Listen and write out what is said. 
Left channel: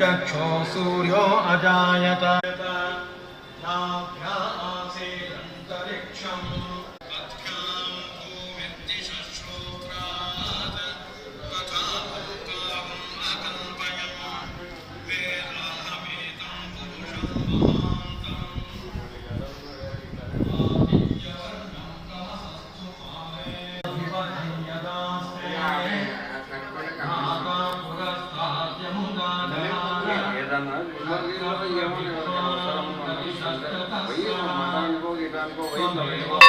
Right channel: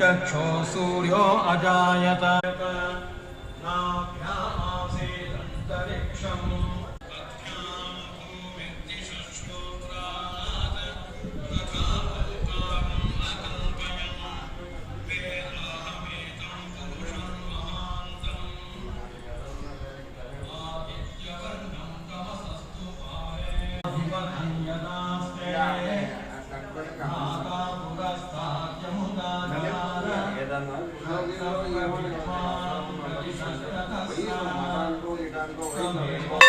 चक्षो सूर्यो अजायत नाभ्या आसीदन्तरिक्षम् ఏదన్నా ఏమన్నా పోయి మతానికో గిటానికో పోయి